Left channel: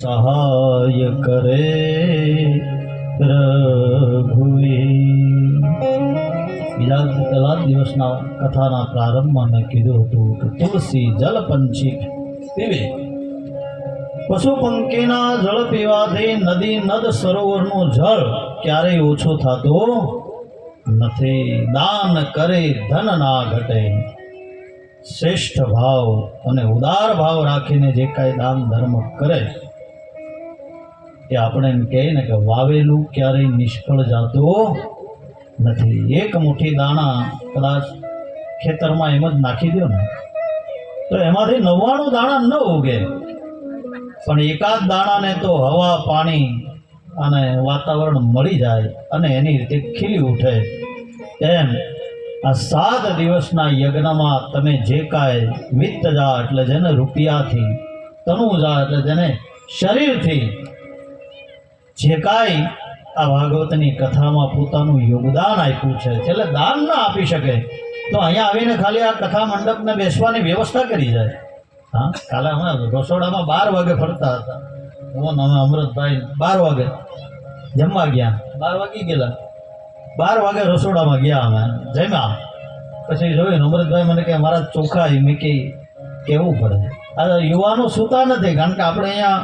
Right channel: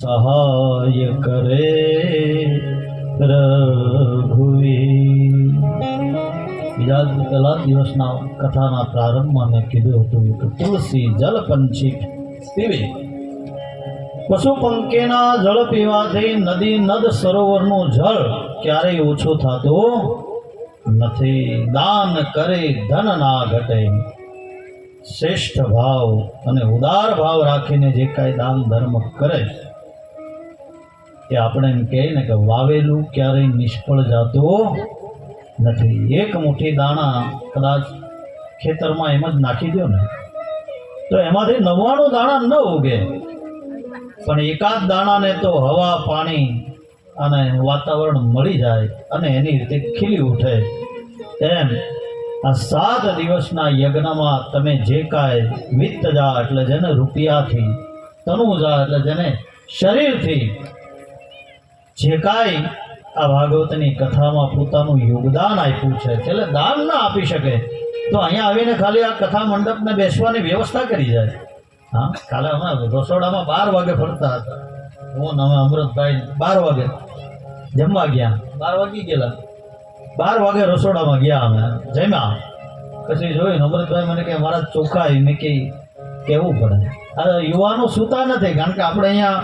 સહાય કરે રઘુવીર। પેલા દિવસના કથાના પ્રારંભમાં મેં કીધું હતું કે તુલસી જલ પંછી પીવે, પશુ પંખીના જળ પીવાથી નદી નદ સરોવરનું જળ ક્યારેય ઓછું થતું નથી। દાન કરે ધન ના ઘટે। શ્રેષ્ઠ ભાવ અને ઉદાર ભાવ રાખીને જે કાંઈ દાન ધર્મ કરે એ આપણે એમ કહે ને કે વાવેલું ક્યારેય નિષ્ફળ જતું નથી। એક મુઠ્ઠી દાણા કદાચ ખેતરમાં એમ જ નાખી દો ને તો એમાંથી 99 દાણા ન ઉગે, પણ એકાદ દાણાને તો હવા પાણી અને વાતાવરણ મળી જાય અને એની રીતે ખીલી ઉઠે। એમ આ 7 દિવસના યજ્ઞમાં તમે જે કાંઈ વિત્તજા એટલે જેને રૂપિયાથી, તનુજા એટલે જેને શરીરથી જે કાંઈ આ ભાગવતની કથામાં પોતાનું યોગદાન આપ્યું છે, એટલે દાન ના આપી શકે તો અહીંયા આવીને ખાલી આ કથા મંડપને બેસવાની વ્યવસ્થા કરી જાય। હા, કાલે અમે રસોડામાં 12 વાગે ફરતા હતા, હું અમે અમૃતભાઈ 12 વાગે જમવા ગયા, 12 વાગી ગયેલા, 12 વાગે રસોડામાં ગયા અમે જમ્યા, પછી જોયું અમૃતભાઈ મને કે મારા ચોખા મેં કેવું પડે। આ યુવાનો સૂતા નથી, કારણ કે આપણે અહીંયા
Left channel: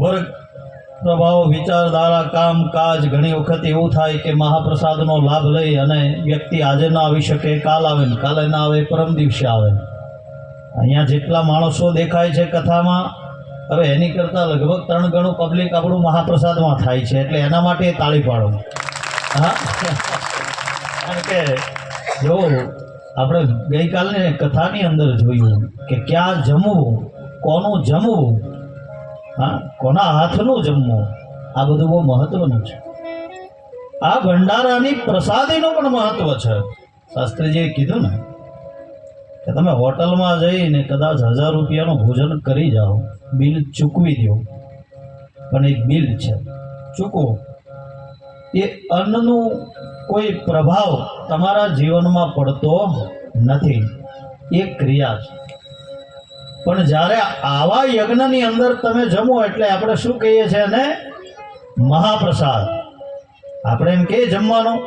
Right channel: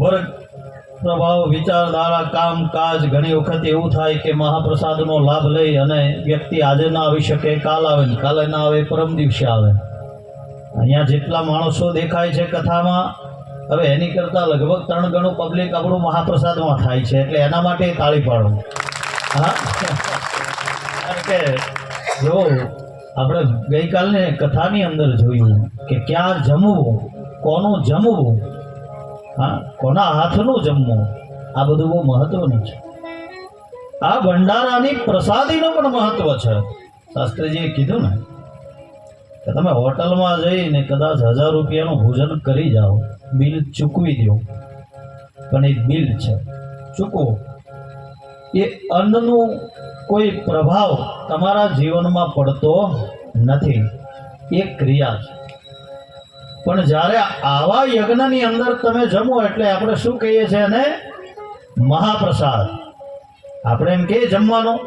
વર્ગ પ્રભાવ વિચારધારા કામ કાજ ઘણી વખત એવું થાય કે મહાપ્રસાદનો લાભ લઈ અને વ્યક્તિ આજે ના આવી શકે, કાલ આવે ને કાલે ના આવે, પરમ દિવસે આવે। અહીંયા જેટલા માણસો દેખાય છે કથામાં, હવે એની કરતાં લગભગ 3 ગણું પબ્લિક આપણું મહાપ્રસાદમાં થાય છે, એટલે એના માટે તાળી પાડો। હા, કારણ કે જો આપણે ગઈકાલની કથાની અંદર જોયું કે ક્યાં જમવું, કોનું જમવું, હા, કોના હાથનું જમવું, આ બધું બહુ મહત્વનું છે। આ ભંડારાની પ્રસાદીનું પણ મહત્વ છે। શાસ્ત્રીજીએ કીધું ને કે તમે હોટલમાં જઈને કદાચ 1000 રૂપિયાનું ભોજન કરી જાઓ, બિલ ચૂકવી દો, પણ એક બિલ છે, ચૂકવો। એ અન્નનું કોઈ પ્રભાવ તમારા જીવનમાં પડતો નથી, એ ક્રિયા છે। પણ જ્યારે આવા યજ્ઞની અંદર તમે જમો એટલે આપણે શું કહીએ છીએ એને મહાપ્રસાદ। આપણે એમ કહીએ જમવાનું,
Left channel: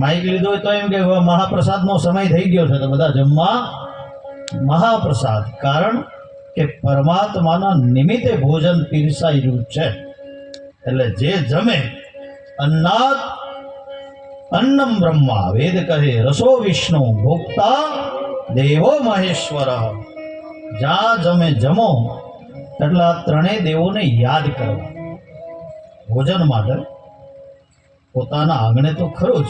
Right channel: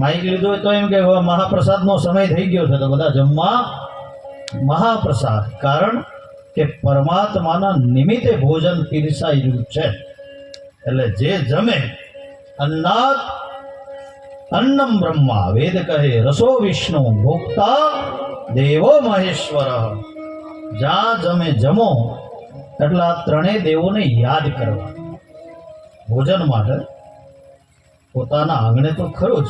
માઇક લીધો હોય તો એમ કે મહાપ્રસાદનો સમય થઈ ગયો છે તો બધા જમવા મહાપ્રસાદ, કારણ કે પરમાત્માના નિમિત્તે ભોજન પીરસાઈ રહ્યું છે। એટલે જે જમે અન્નાત અન્નમ બ્રહ્મા, વેદ કહે રસો વિષ્ણુ ભોક્તા દેવો મહેશ્વર। જ્યાં તમે જમો એટલે આ 3 દેવોને યાદ કરવા। ભોજન માટે પોતાના આંગણે તો ખરું જ,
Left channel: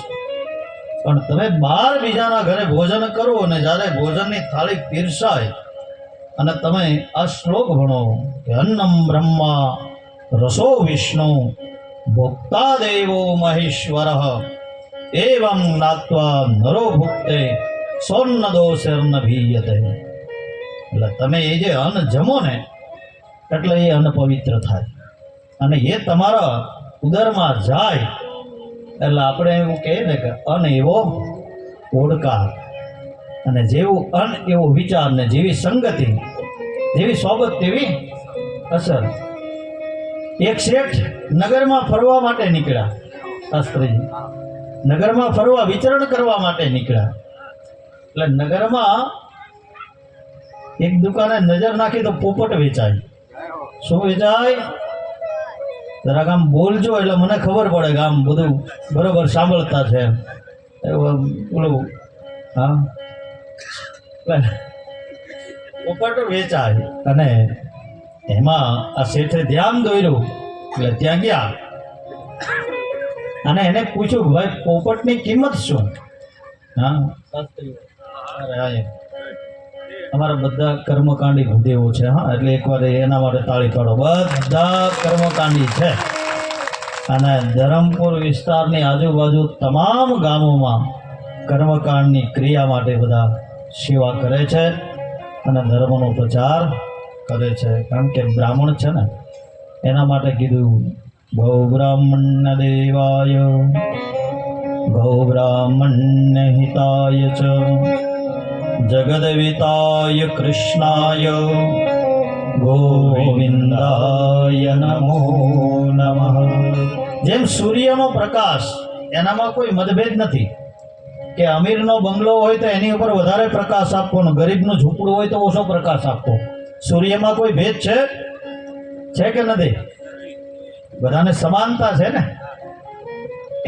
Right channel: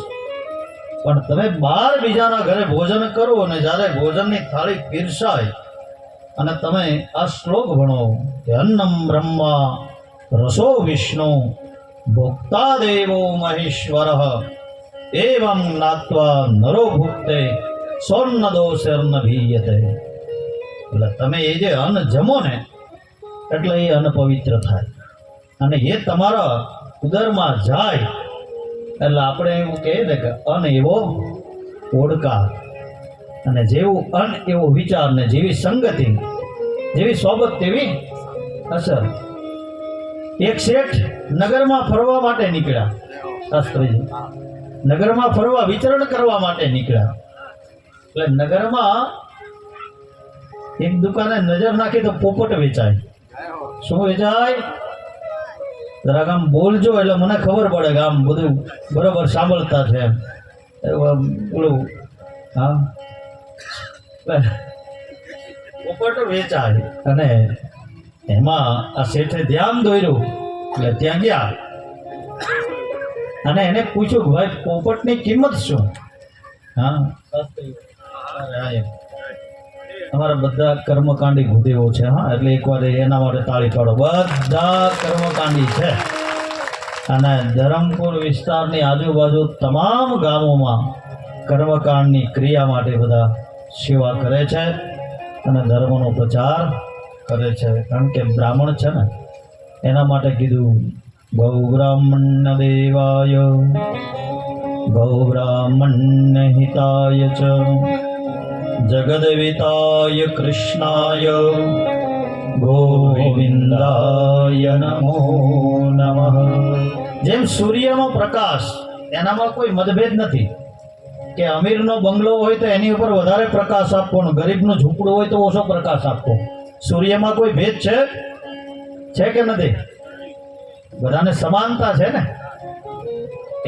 પણ તમે બહાર બીજાના ઘરે ભોજન કરો અને જ્યારે ભોજનની થાળી પીરસાય અને તમે આ શ્લોક ભણો કે અન્નમ બ્રહ્મા રસો વિષ્ણુ ભોક્તા દેવો મહેશ્વર એવં નાત્વા નરો ભુક્તે સ્વર્ણ દોષર્ન ભીયતે। એટલે તમે એ જે અન્ન જમો ને એટલે એ અન્ન પવિત્ર થાય અને એ તમારા ઉદરમાં જાય એટલે આપણે એવું કહીએ ને કે અન્ન એવો ઓળકાર, અને જેવું અન્ન એવો વિચાર, ને જેવી સંગતિ, જેવી સોબત તેવી અસર। એક શેઠ નગરમાં ફરવા માટે નીકળ્યા, શાસ્ત્રીજી નગરમાં ફરવા વિચરણ કરવા માટે નીકળ્યા, એટલે નગરમાં એક દુકાને નજર નાખી તો પોપટ વેચાય। શું વેચાય? જરાક આમ બોલજો એટલે મને ખબર પડે કે આમ બધું બરોબર સાંભળતા છે એમ, બોલું હા, પોપટ વેચાય। અને એમાં આ શેઠે ધ્યાન દોર્યું એટલે ત્યાં ગયા અને એને પૂછ્યું કે ભાઈ પોપટની કિંમત શું? હા, અમારા બધા કર્મકાંડી ભૂદેવો છે, હા, એટલે એકવાર એના માટે તાળી પાડો। બધા કર્મકાંડી છે અને ધરમપુર વિસ્તારની આજુબાજુ તમામ ગામોમાં કર્મકાંડની ક્રિયા માટે બધા સેવા કરે છે અને ધર્મનો પ્રચાર કરે છે, કારણ કે બ્રાહ્મણ છે ને એના માટે કીધું ગૌ બ્રાહ્મણ દેવાય ગૌ બ્રાહ્મણ હિતાય ચ જગદવિતાય કૃષ્ણાય ગોવિંદાય નમો નમઃ. જેમ સૂર્યનો પ્રકાશ એનામાં કોઈ મતભેદ નથી કે અમીરનો બંગલો હોય તો એની ઉપર વધારે પ્રકાશ આપવો ને ગરીબનું ઝૂંપડું હોય તો ઓછો પ્રકાશ આપવો. સૂર્યમાં કોઈ ભેદ છે કે નથી? બધાને સમાનતા છે ને.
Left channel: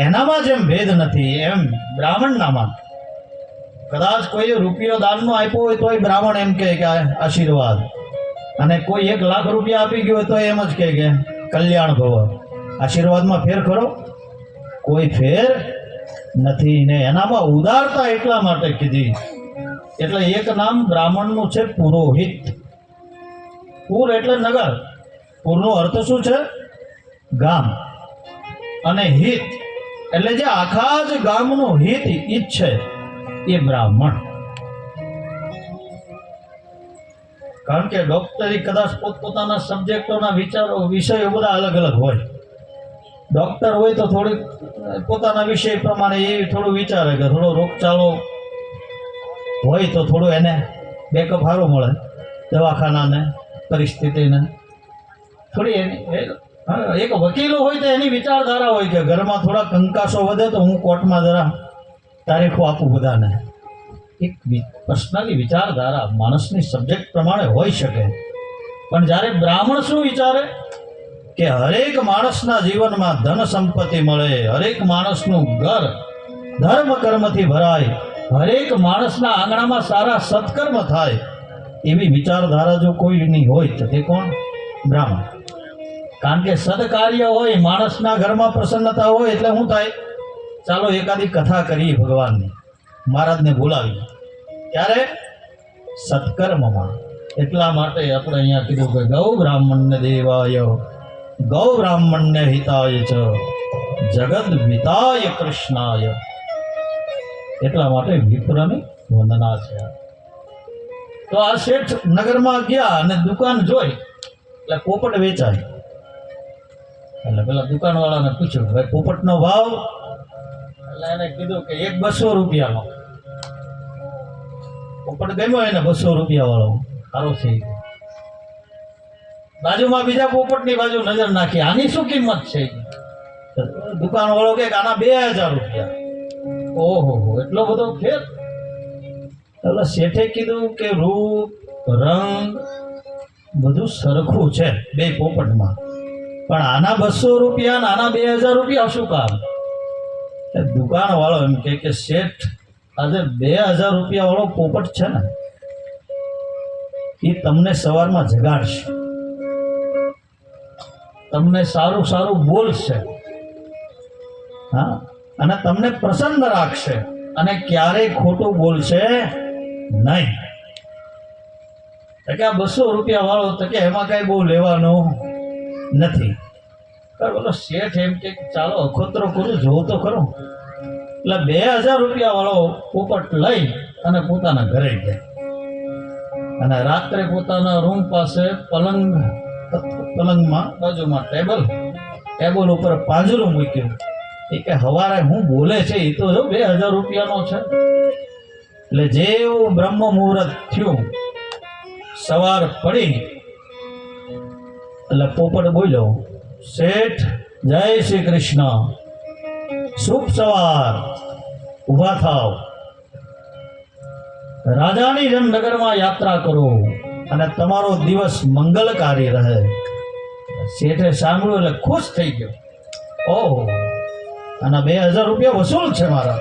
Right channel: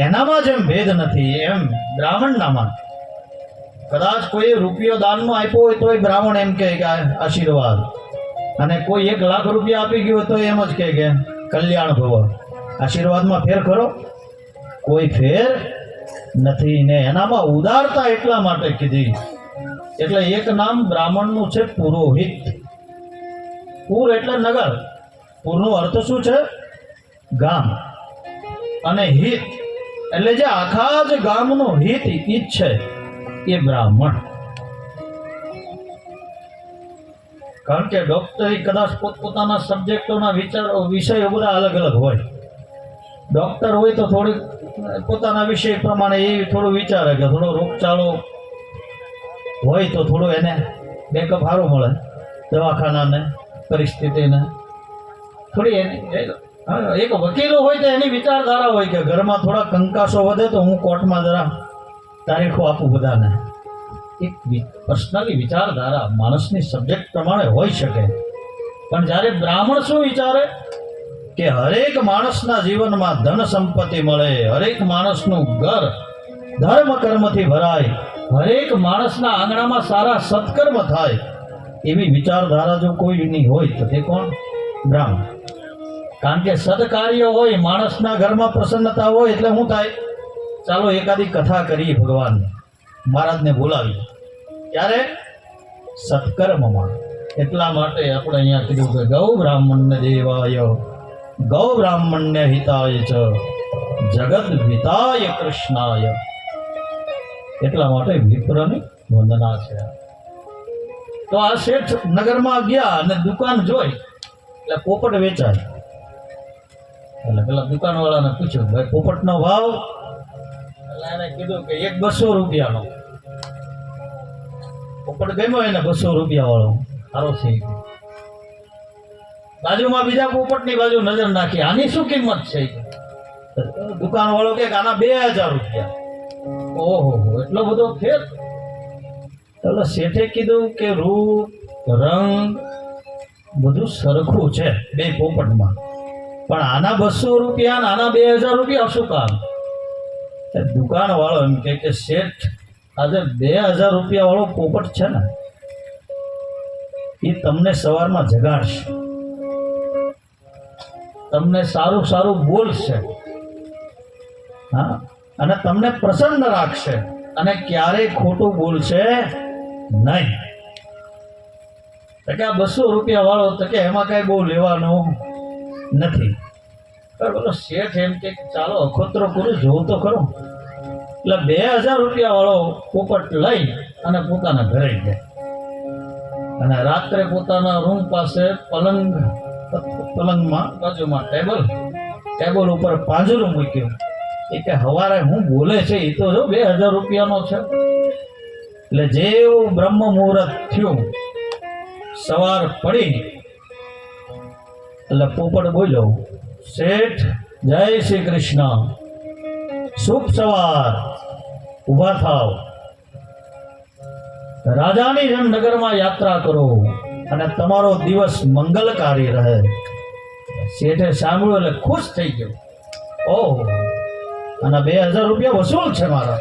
એનામાં જેમ ભેદ નથી એમ બ્રાહ્મણનામાં કદાચ કોઈ રૂપિયો દાનનો આપ્યો હોય તોય બ્રાહ્મણ એમ કહે કે આશીર્વાદ, અને કોઈ 1 લાખ રૂપિયા આપી ગયો તો એમ જ કહે કે કલ્યાણ ભવ. આશીર્વાદમાં ફેર ખરો? કોઈ ફેર નથી. ને એનામાં ઉદારતા એટલા માટે કીધી. એટલે એક નામ બ્રાહ્મણનું છે પુરોહિત. પુર એટલે નગર. પુરનો અર્થ શું છે? ગામ. અને હિત એટલે જે આખા જ ગામનું હિત ઈચ્છે એ બ્રાહ્મણ. કારણ કે ડોક્ટરી કદાચ પોતપોતાના સબ્જેક્ટોના વિષયો બધા અલગ અલગ હોય. ડોક્ટર હોય તો થોડીક પોતાના વિષય પ્રમાણે એ થોડું વિચારે કે થોડો રોગચાળો હોય તો થોડું એને બેકઅપ સારું મળે, દવાખાનાને પરિસ્થિતિને થોડી એની. એક વકીલો હોય તો એની વિચારધારા હોય કે ઘરમાં થોડા કંકાસો વધે તો હું કોર્ટમાં જરા તારીખો આપું બધાને. એક પર્સનલી વિચારધારા માણસની સબ્જેક્ટ પ્રમાણે હોઈ શકે. પણ જ્યારે બ્રાહ્મણ શું વિચારે કે હરેક માણસના જીવનમાં ધન સંપત્તિ મળે, હરેક માણસનું ઘર ધર્મ કર્મથી ભરાય, હરેક માણસના આંગણામાં સારા સત્કર્મ થાય, એવી વિચારધારા જો કોઈની હોય તો તે કોણ? બ્રાહ્મણ. કારણ કે સદકાર્ય હોય, માણસના ઘરમાં પ્રસન્નતા હોય એટલે શું થાય? ચાલો એકાદી કથા કરીએ ભગવાનની, મહારાજને બોલાવી. ત્યારે સત્કર્મમાં. એટલા માટે આપણે અહીંયા કીધું કે ગૌ બ્રાહ્મણ્ય દેવાય, ગૌ બ્રાહ્મણ્ય હિતાય ચ, જગદ વિતાય કૃષ્ણાય. એટલા માટે વિપ્રની વંદના છે. તો આ શેઠ નગરમાં ગયા અને દુકાન જોઈ એટલે પોપટ વેચાય. એટલે પેલા દુકાનવાળાને પૂછ્યું, ભાઈ પોપટનો ભાવ? એટલે એને કીધું કે 200 રૂપિયાનો. પોપટ ગમ્યો એને 200 રૂપિયા વાળો, સારો છે. બાજુમાં બીજા પોપટની બાજુ નજર નાખી, આની શું કિંમત છે? દુકાનવાળો કે આના 2000 રૂપિયા. ઓહો, એટલો બધો ફેર? એટલે શેઠે કીધું કે રૂપ રંગ બધું સરખું છે બે પોપટમાં, પણ આના 200 રૂપિયા આના 2000 રૂપિયા શું કામ? દુકાન વાળો એમ કે શેઠ આજે 2000 રૂપિયા વાળો પોપટ છે ને એ તમને સવારમાં જગાડશે, તમને સારું સારું બોલશે, હા, અને તમને પ્રસન્ન રાખશે, અને ક્યારેય ખોટું બોલશે નહીં. કે આ 200 રૂપિયા વાળો તો કે એમાં કઈ બહુ લેવાનું નથી. બોલો શેઠ એમ કે ચાલો અખોતરો કરું, જોવું તો ખરું. એટલે 2000 રૂપિયા વાળો પોપટ લઈ અને પોતાના ઘરે જાય, અને રાત્રે પોતાના રૂમ પાસે પલંગમાં બાજુમાં ટેબલ ઉપર પાંજરું મૂક્યું. એ કે હવારે હું બોલે છે એ તો 2000 રૂપિયાનો છે. એટલે જેવું બ્રહ્મ મુહૂર્ત થયું, સવાર પડી એટલે પોપટ બોલ્યો, શેઠ જય શ્રી કૃષ્ણ, શુભ સવાર, ઉભા થાવ, રાજાની જેમ નગરમાં યાત્રા કરો અને તમારો દિવસ મંગલકારી રહે. શેઠે સાંભળ્યું એટલે ખુશ થઈ ગયો. ઓહો, અને 2000 રૂપિયા વસૂલ છે મારા.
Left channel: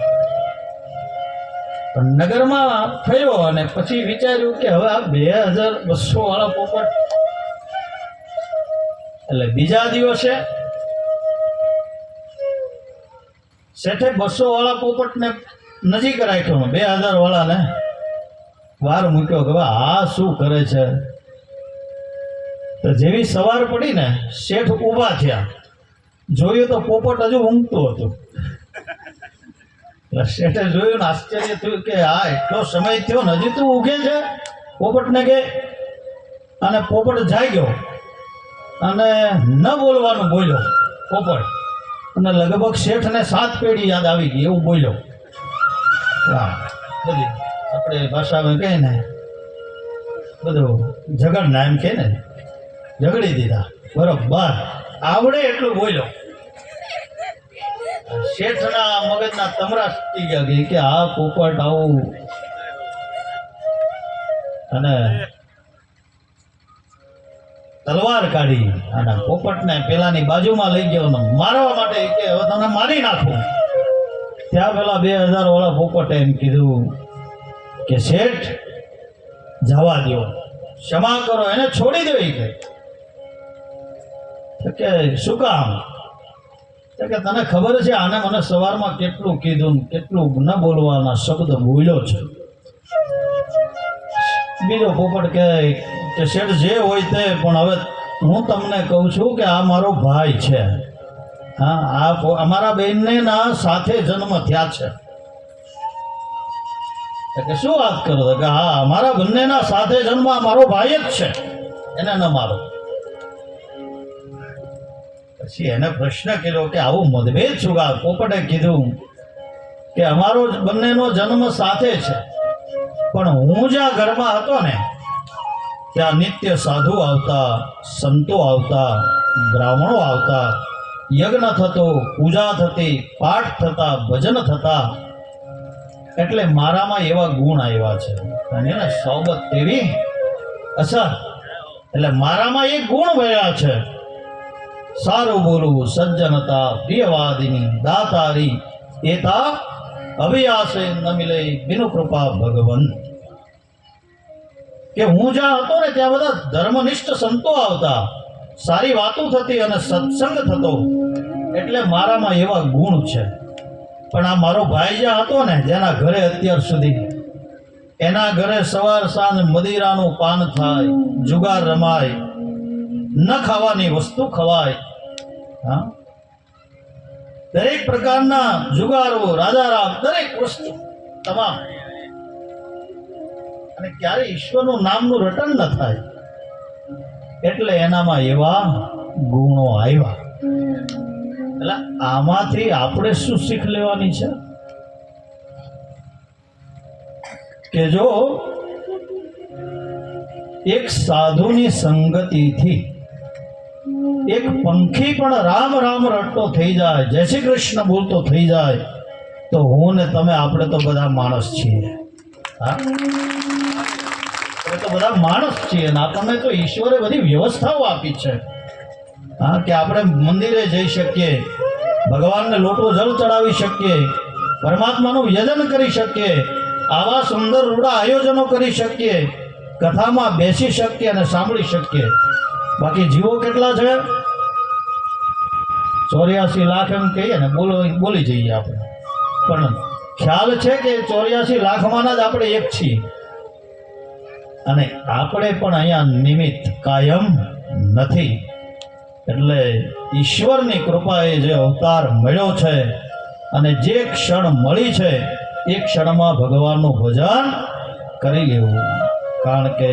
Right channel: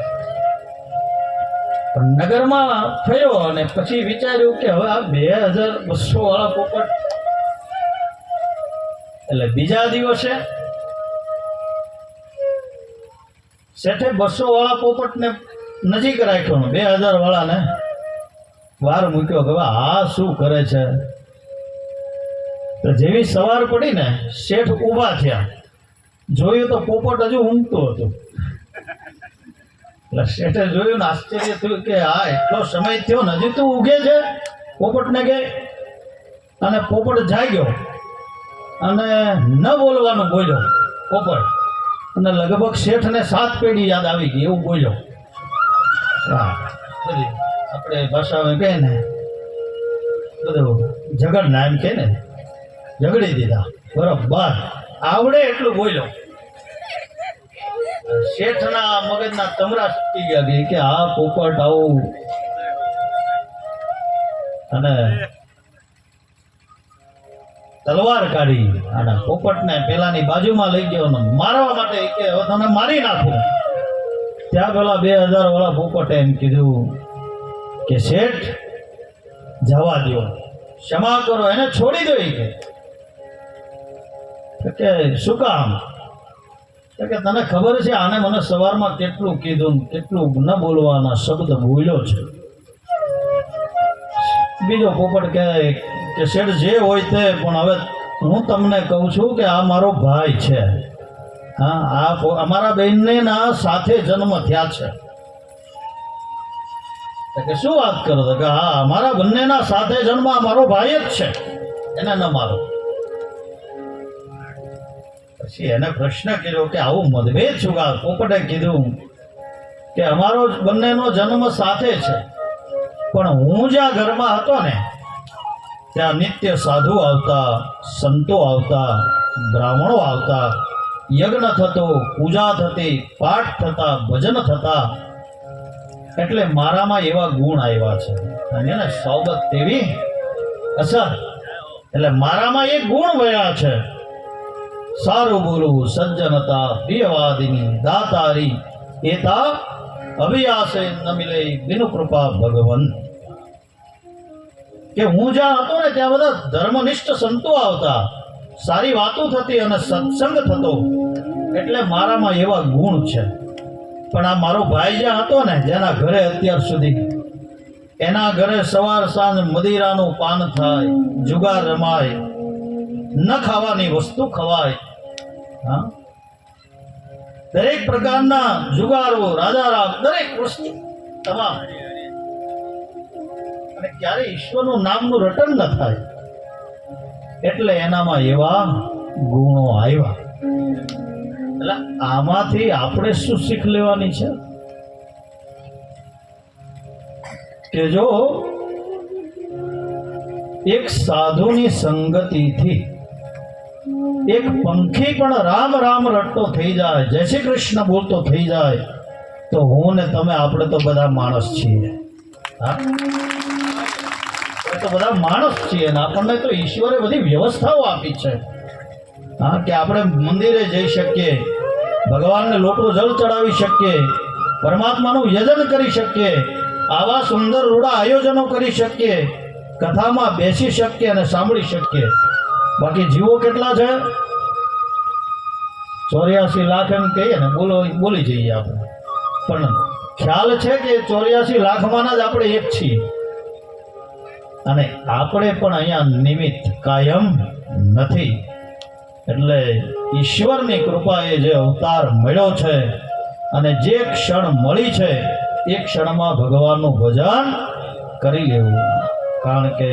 પણ નગરમાં ફર્યો અને પછી વિચાર્યું કે હવે આ 2200 વાળા પોપટ. એટલે બીજા દિવસે શેઠે 200 વાળા પોપટને નજીક રાખ્યો, 2000 વાળાને વાર મૂક્યો કે આ શું કરે છે. તો જેવી સવાર પડી ને શેઠ ઊભા થયા, જોયું તો પોપટ હજુ ઊંઘતો હતો. એટલે શેઠે જોયું ને આશ્ચર્ય થયું કે આ એટલો સમય થયો ને હજી તું ઊંઘે છે? પોપટને કે. અને પોપટ જાગ્યો અને ન બોલવાનું બોલ્યો પોપટ, અને લગભગ શેઠને 7 પેઢી યાદ આવી ગઈ એવું બોલ્યો. હા, બધી આપણે ભાષામાં કહે ને બધું ઝઘડના એમ કહે ને ઝઘડી દીધા. બરોબર આવડે એટલું બોલ્યો. શેઠના મગજના તમરા તૂટી ગયા કે આ પોપટ આવું, અને તલવાર કાઢી અને પોપટને પેલાની બાજુમાં લઈ ગયો ને મારવા માટે કે હવે તને મારી નાખું. ત્યાં પેલા 2000 વાળા પોપટે એમ કીધું કે શેઠ જવા દો, ક્ષમા કરો, એને છોડી દો. કે શું કામ? કે તને ખબર છે આને મને સવારમાં કેટલું કીધું, કેટલું ન બોલવાના શબ્દ બોલ્યો છે. બીજો પોપટ કહે કે શેઠ જે હોય તે, પણ હવે હું તમને કહું છું કે આ મારો ભાઈ છે. હા, આ અમારા બેનને ના સાથે જન્મ થયા છે. કે શું વાત કરો? કે હા, અમારા બંનેના સાથે જન્મ મારો ભાઈ જ છે, એને ન મારો. પછી એને પ્રશ્ન કર્યો કે આવું મતભેદ શું કામ? પોપટે કીધું કે અમારો બંનેનો જન્મ સાથે છે, પણ હું જ્યાં ઘરમાં હતો ને ત્યાં નિત્ય સાધુ આવતા, સંતો આવતા, બ્રાહ્મણો આવતા, યજ્ઞ થતો, પૂજા થતી, પાઠ થતા, ભજન થતા, એટલે મારામાં એવા ગુણ આવ્યા છે. અને એને સોબત તેવી અસર, એટલે મારામાં એ ગુણ ભર્યા છે. સારું બોલવું, સજ્જનતા, પ્રિયવાદિની, દાતારી, એતા અભિયાસે ન મિલે બિનુ કૃપા ભગવન. કે હું જ્યાં હતો ને ત્યાં બધા ધર્મનિષ્ઠ સંતો આવતા, સારી વાતો થતી અને સત્સંગ થતો, એટલે મારામાં એવા ગુણ છે. પણ આ મારો ભાઈ જ્યાં હતો ને, જેના ઘરે અત્યાર સુધી, એના ઘરે સવાર સાંજ મદિરાનું પાન થાય, જુગાર રમાય, ન ખાવાની વસ્તુ ખવાય. હા, દરેક પ્રકારના જુગારો, રાજારામ, દરેક વસ્તુ તમામ, અને ક્યારે ઈશ્વરનું નામનું રટન ન થાય. એટલે એનામાં એવા ગુણો આવ્યા. એટલે આમાંથી આપણે શું શીખ લેવાની છે? કે જો એક સાધુની સંગતિથી એક પંખી પણ રામ રામ રટતો થઈ જાય, જય શ્રી કૃષ્ણ બોલતો થઈ જાય, તો હું ને તમે, આપણે તો બધા માણસ છીએ. હા, તો બધા માણસ છીએ ને આપણને તો ઈશ્વરે બધી વ્યવસ્થાઓ આપી છે. હા, કે આપણે મંદિરે જઈ શકીએ, ભગવાનને લોટો જળ ચડાવી શકીએ, પરમાત્માનું યજન કરી શકીએ, આવા સુંદર રૂડા આયોજનો કરી શકીએ, કથામાં બેસી શકીએ અને સાંભળી શકીએ. બાકી જીવો કેટલા છે? 84 લાખ એમ કહીએ ને, બોલી જઈએ આપણે, પણ ખ્યાલ છે કે 84 લાખમાંના જ આપણે એક છીએ. અને આપણે પણ અહીંયા નિમિત્ત કાયમ નથી. એટલે ઈશ્વરની કૃપાએ જે અવતાર મળ્યો છે અને જે ક્ષણ મળી છે એ ક્ષણમાં ભગવાનનું ભજન કરી લેવું. કારણ કે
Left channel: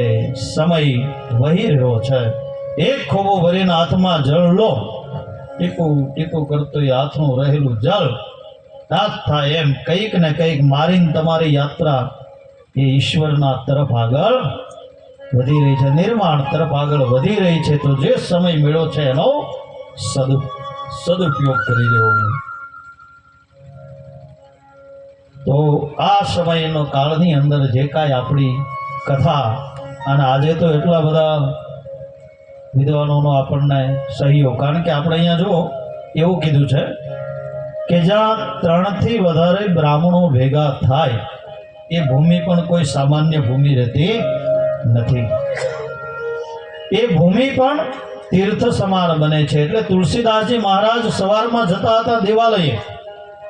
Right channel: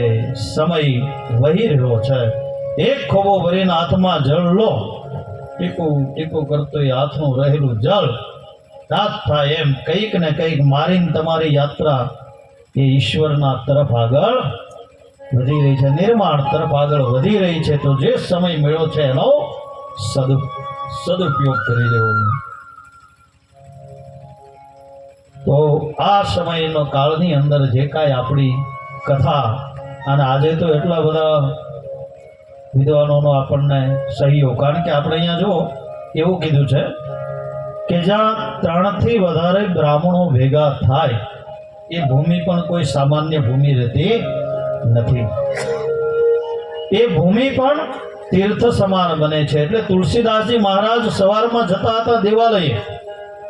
સમય વહી રહ્યો છે. એક ખોબો ભરીને હાથમાં જળ લો, ટીપું ટીપું કરતું એ હાથનું રહેલું જળ નાશ થાય એમ કંઈક ને કંઈક મારીને તમારી યાત્રા એ ઈશ્વરના તરફ આગળ વધી રહી છે, નિર્માણ તરફ આગળ વધી રહી છે. તો જે સમય મળ્યો છે એનો સદુપયોગ કરી લેવો. તો આ સમયનો કાળની અંદર જે કાંઈ આપણી કથા, અને આજે તો એટલા બધા વિદ્વાનોનો આપણને સહયોગ, કારણ કે આપણે અહીંયા જો એવું કીધું છે કે જ્યાં 3 થી વધારે બ્રાહ્મણો ભેગા થાય એ ભૂમિ પણ કોઈ સામાન્ય ભૂમિ રહેતી નથી. એ ભૂમિ પણ તીર્થ સમાન બને છે. એટલે તુલસીદાસજી મહારાજ સવારમાં જતા હતા દેવાલયે,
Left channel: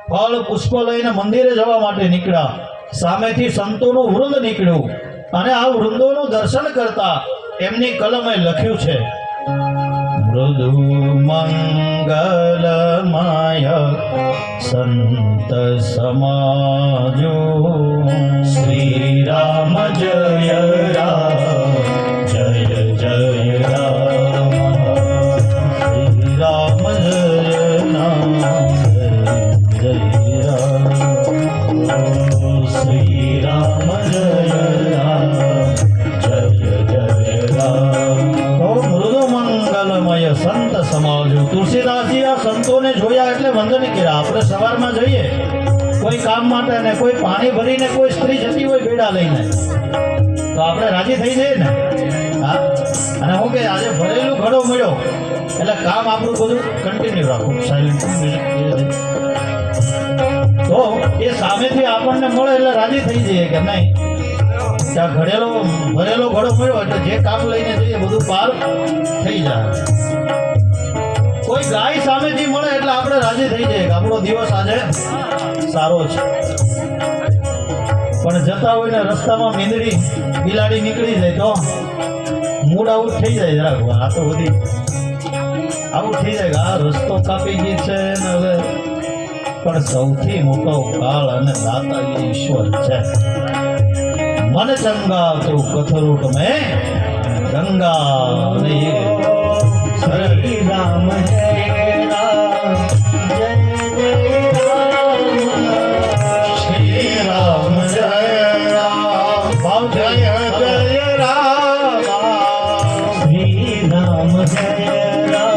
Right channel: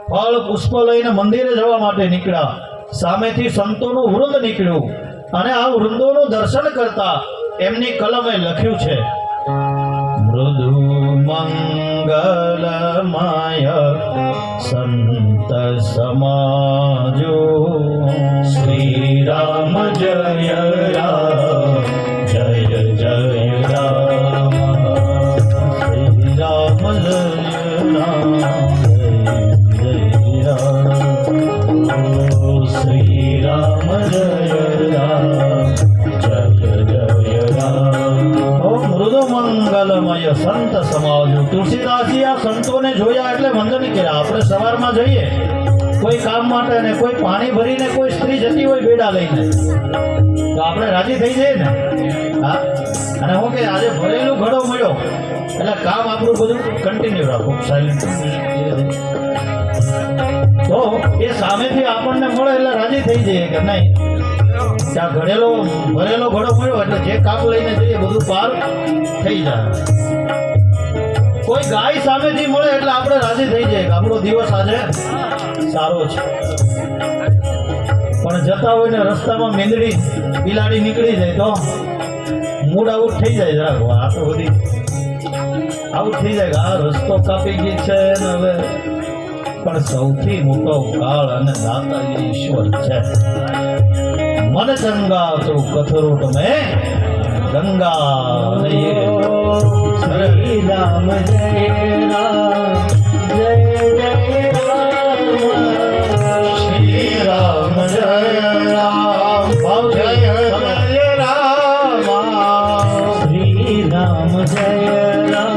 ફળ પુષ્પ લઈને મંદિરે જવા માટે નીકળ્યા. સામેથી સંતોનું વૃંદ નીકળ્યું અને આ વૃંદોનું દર્શન કરતા એમની કલમે લખ્યું છે, મૃદુ મંગલમય સંત સમાજો, શ્રી રામ જય રામ, જય જય રામ, શ્રી રામ જય રામ, જય રામ, શ્રી રામ જય રામ, જય જય રામ. ઓ મૃદુ કોઈ કામ માટે ને કોઈ પાણી ભરીને કોઈ સ્ત્રી જતી હોય બેડા લઈને, તો આપણે રાજી થઈ જઈએ ને. હા, અને હું કે આજે ભરેલું ઘડો મળ્યો એટલે કામ આપણું બધું કન્ટિન્યુ રાખવું, સાયલેન્ટ. તો એ સામેથી આપણને મળે એટલે રાજી થઈ જઈએ કે નહીં, ત્યાં ભરેલો ઘડો મળ્યો એટલે જે કામ લઈને જઈએ બધું પાર થઈ જાય. કોઈ ગાય સામેથી મળે એટલે આપણે રાજી થઈ જઈએ કે આપણો દિવસ આજે સારો છે. પણ જતા હોય ને રસ્તામાં મીંદડી બિલાડી નીકળી જાય તો મૂડ આઉટ થઈ જાય. આ તો બધી આઉટ થઈ જાય કે આ રસ્તો કાપી ગઈ છે ને હવે. પણ સૌથી મોટો કાળ અને દાતા એ ઈશ્વર છે. મન ચંગા તો કથરોટ મેં ગંગા અને એ શ્રી રામ જય રામ જય જય રામ શ્રી રામ જય રામ જય જય રામ શ્રી રામ જય રામ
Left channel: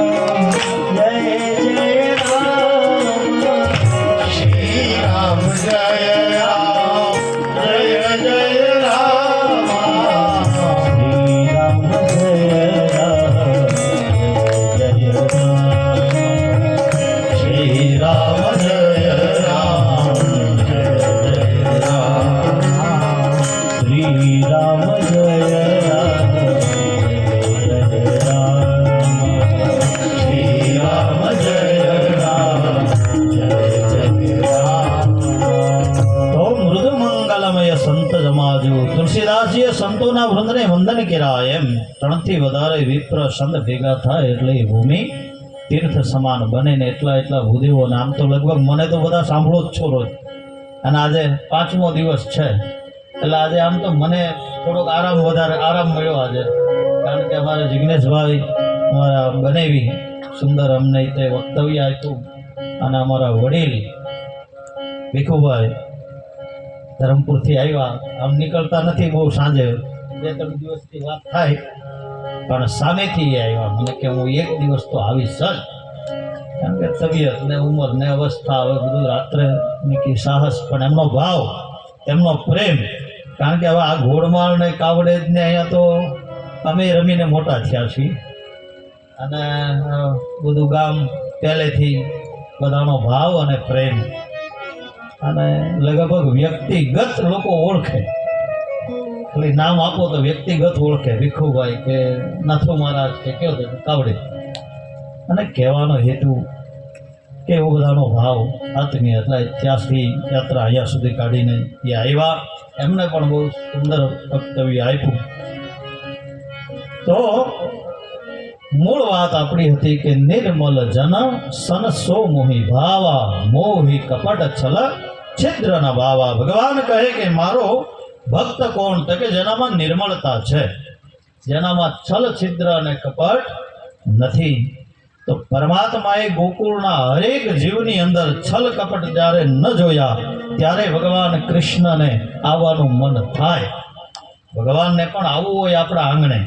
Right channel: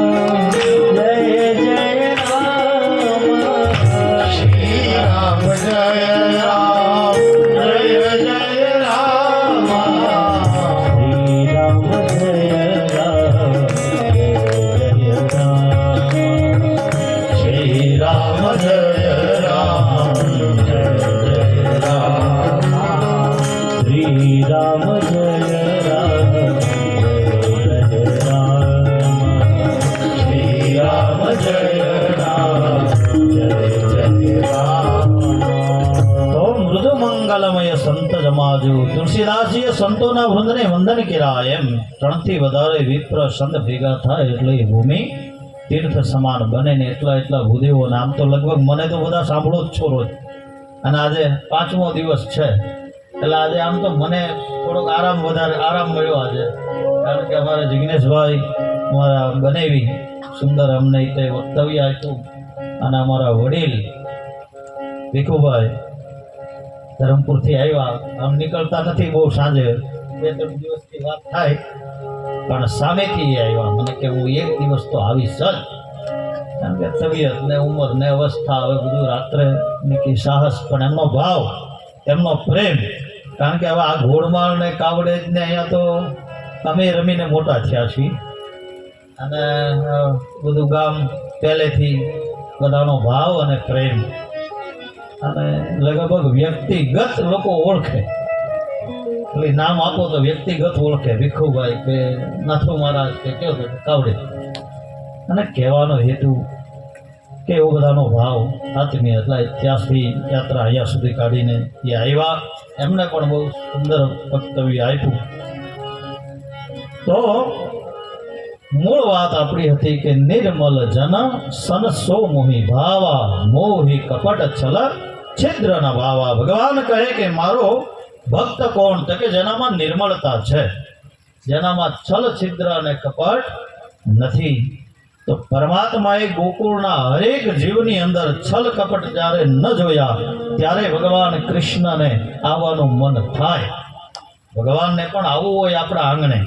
જય જય રામ શ્રી રામ જય રામ જય જય રામ શ્રી રામ જય તુલસીદાસજીએ સંતોના વૃંદને વંદન કર્યા. એમ 3 થી વધારે વિપ્ર સંત ભેગા થાય એટલે એ ભૂમિ તીર્થ સમાન બને ને એટલા ભૂદેવો. આમ તો લગભગ મને તો બધા સાંભળો જ છો રોજ. અને આજે 5મો દિવસ છે એટલે આજે આમ તો મને થોડોક આરામ મળ્યો આજે. કારણ કે અમારા જિગ્નેશભાઈ અમારા બનેવી સુંદર અમને તે વક્તવ્ય આપ્યું. અને અમારા વડીલ ભીખુભાઈ ધરમપુરથી આવ્યા. આમ નીકળતા નથી બહુ, સાંજે 2-3 દિવસથી વાત થાય પણ સામેથી આવ્યા. મને કે હું 1 દિવસ તો આવીશ જ. કારણ કે તબિયત ને ઉંમર ને અવસ્થા હવે બધું રાત્રે ને સાહસ, પણ એમનો ભાવ એમનો પ્રેમ. કારણ કે હવે આ ઘોડમાળ ને કાવડે ને અહીંયા તો અમે રમીને મોટા થયા છીએ. અને બધું ગામ પહેલેથી બધાનો ભાવ અને પ્રેમ. અને લગભગ વ્યક્તિગત લોકો ઓળખે. એટલે નામ આપો તો વ્યક્તિગત ઓળખે. ભીખુભાઈ કે નાથુ મહારાજ કે કયો તો કાવડે. અને કહેવાનો હેતુ કે એવો બધાનો ભાવ આત્મીય. એટલે ત્યાંથી યાત્રા અહીંયા સુધી કાઢીને એ આવ્યા. એમને પણ બહુ સુંદર વક્તવ્ય આપ્યું. તો મૂળ વાત આપણી હતી કે નિર્મલ જન સન સો મોહી ભાવા મોહી કપટ છલ છિદ્ર ન ભાવા. ભગવાન કહે કે મારો ભક્ત કોણ? તો કે જેનામાં નિર્મળતા છે, જેનામાં છલ છિદ્ર અને કપટ નથી. તો પરમાત્માએ ગોકુળના હરેક જીવની અંદર છલ કપટ જ્યારે ન જોયા ત્યારે ભગવાન કૃષ્ણને આવવાનું મન થાય. ભગવાનને પણ આવવું હોય આપણા આંગણે,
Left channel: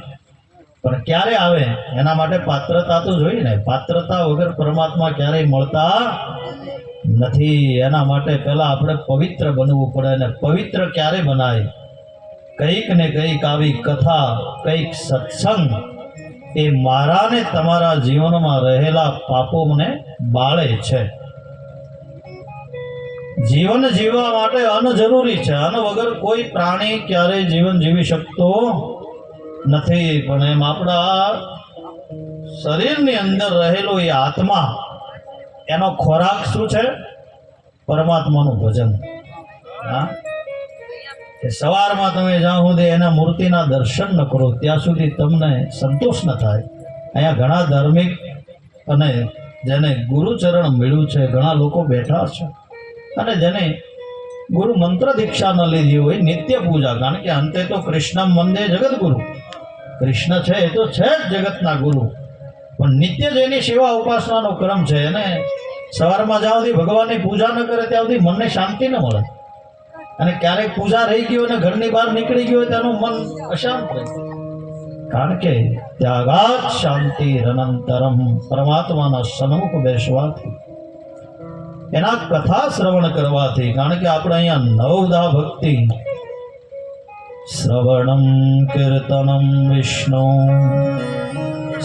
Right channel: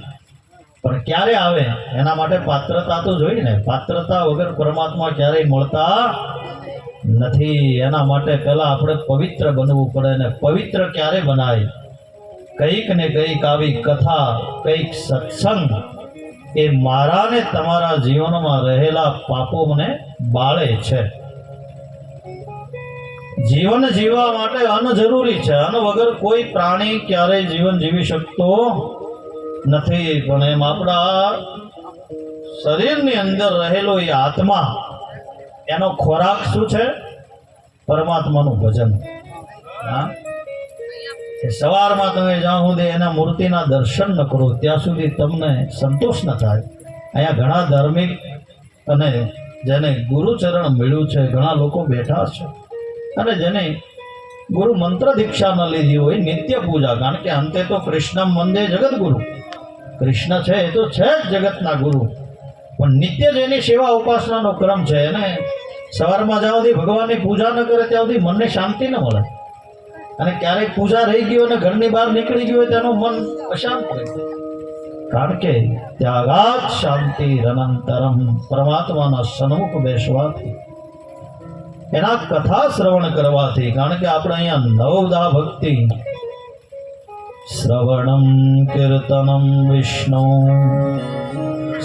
પણ ક્યારે આવે એના માટે પાત્રતા તો જોઈએ ને. પાત્રતા વગર પરમાત્મા ક્યારેય મળતા નથી. એના માટે પહેલા આપણે પવિત્ર બનવું પડે. ને પવિત્ર ક્યારે બનાય? કંઈક ને કંઈક આવી કથા, કંઈક સત્સંગ એ મારા ને તમારા જીવનમાં રહેલા પાપોને બાળે છે. જીવન જીવવા માટે અન્ન જરૂરી છે. અન્ન વગર કોઈ પ્રાણી ક્યારેય જીવન જીવી શકતો નથી. પણ એમ આપણા શરીરની અંદર રહેલો એ આત્મા, એનો ખોરાક શું છે? પરમાત્માનું ભજન. હા, સવારમાં તમે જ્યાં સુધી એના મૂર્તિના દર્શન ન કરો ત્યાં સુધી તમને સંતોષ ન થાય. અહીંયા ઘણા ધાર્મિક અને જેને ગુરુચરણ મળ્યું છે ઘણા લોકો બેઠા છે, અને જેને ગુરુ મંત્ર દીક્ષા ન લીધી હોય નિત્ય પૂજા. કારણ કે અંતે તો કૃષ્ણ મંદે જગત ગુરુ. કૃષ્ણ છે એ તો છે જ જગતના ગુરુ, પણ નિત્ય જેની સેવા ઉપાસનાનો ક્રમ છે એને સવારમાં જ્યાં સુધી ભગવાનની પૂજા ન કરે ત્યાં સુધી મનને શાંતિ ન મળે. અને ક્યારેક પૂજા રહી ગયો અને ઘરની બહાર નીકળી ગયો તેનું મન અશાંત રહે. કારણ કે ત્યાગાત શાંતિ અનંતરમ, પરમાત્માના સન્મુખ બેસવાથી એના કથા શ્રવણ કરવાથી, કારણ કે આપણે અહીંયા નવદા ભક્તિ, શ્રવણમ કીર્તનમ વિષ્ણુ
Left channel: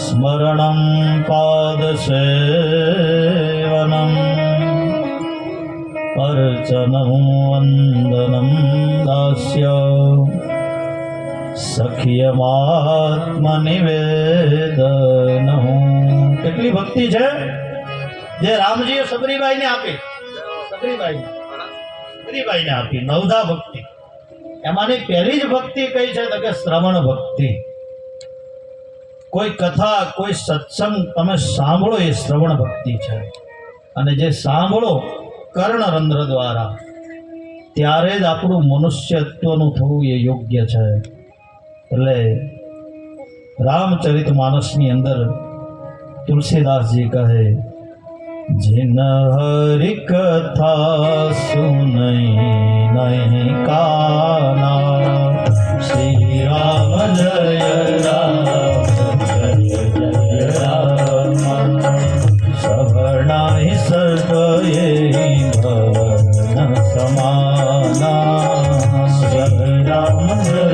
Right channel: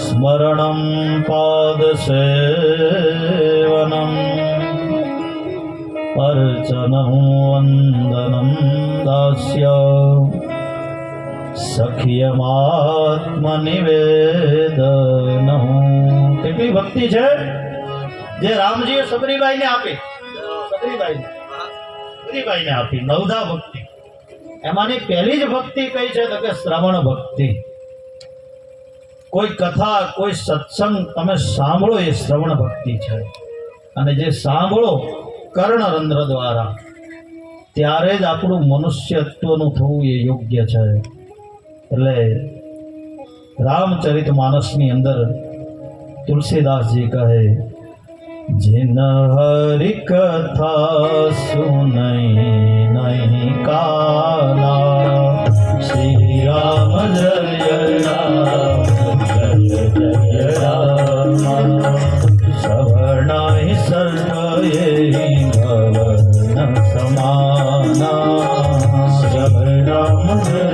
સ્મરણમ પાદ સેવનમ અર્ચનમ વંદનમ દાસ્ય સખ્યમાત્મનિવેદનમ. કેટલી ભક્તિ છે જે રામજીએ સબરીબાઈને આપી, સબરીબાઈને આપી નવદા ભક્તિ. એમાંની પહેલી જ ભક્તિ કઈ છે તો કે શ્રવણ ભક્તિ. કોઈ કથા, કોઈ સત્સંગ તમે સાંભળો એ શ્રવણ ભક્તિ છે. અને જે સાંભળો કર્ણરંધ્ર દ્વારા, ત્યારે જ આપણું મનુષ્યત્વનું થવું એ યોગ્ય છે. એટલે રામચરિત માનસની અંદર તુલસીદાસજી કહે, जिन हरि कथा सुनई नहीं काना, श्री राम जय राम जय जय राम, सवर्णाहि सर्व ये भवन समाना, जय राम जय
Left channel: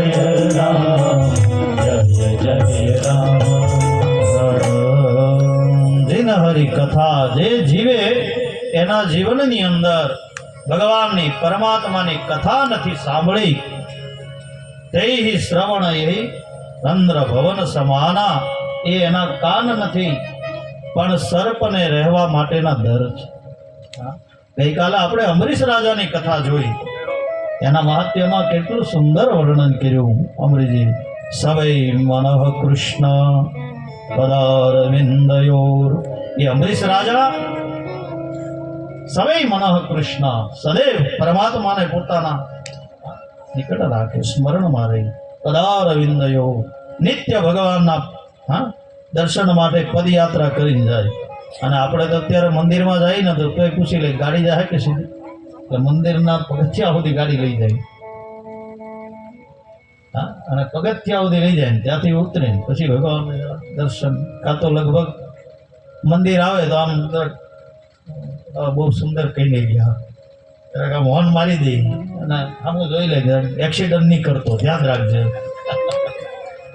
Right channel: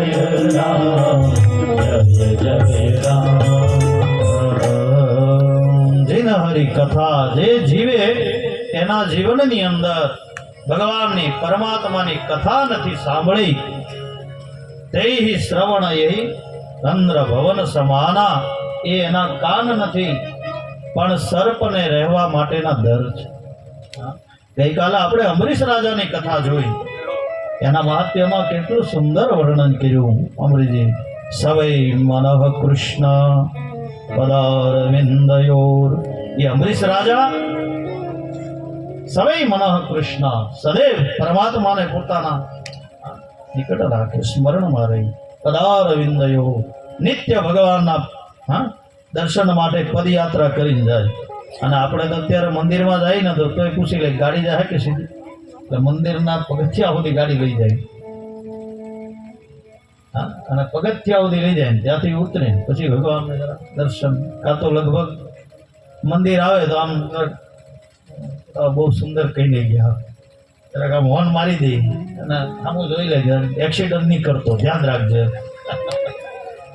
राम जय जय राम. હરી કથા જે જીવે એના જીવનની અંદર ભગવાનની પરમાત્માની કથા નથી સાંભળી, તેહી શ્રવણ એ ચંદ્ર ભવન સમાના, એ એના કાન નથી પણ સર્પને રહેવા માટેના દર છે. ગઈકાલે આપણે અંબરીશ રાજાની કથા જોઈ, એના મહાત્મ્યમાં કેટલું સુંદર વર્ણન કર્યું અમરીજી. સવૈ મનઃ કૃષ્ણ પદારવિંદયોર, ये अम्बरीश राजा सवै मनः कृष्ण, सदैव परमात्मा ने पोताना निकट राखे, स्मरणમાં રહી. પદારવિંદયો, નિત્ય ભગવાનના દર્શન માટે પદયાત્રા કરીને જાય. અને આપણે તો અત્યારે મંદિરમાં જાય ને તો તોય પૂછી લે ગાડી જાય કે સીધી, તો મંદિરના પગથિયા સુધી ગાડી લઈ જાય. અને પગથિયા સુધી લઈ જાય, ત્યાંથી ઉતરે પછી ભગવાન દર્શન. કાં તો લગભગ મંદિર આવે તો આમ બહુ સુંદર કહી લઈ ગયા, જરાક આમ હોર્ન મારી દે અને આમ જોઈ લે, એક્સિડન્ટ નહીં કરતો, ધ્યાન રાખજે.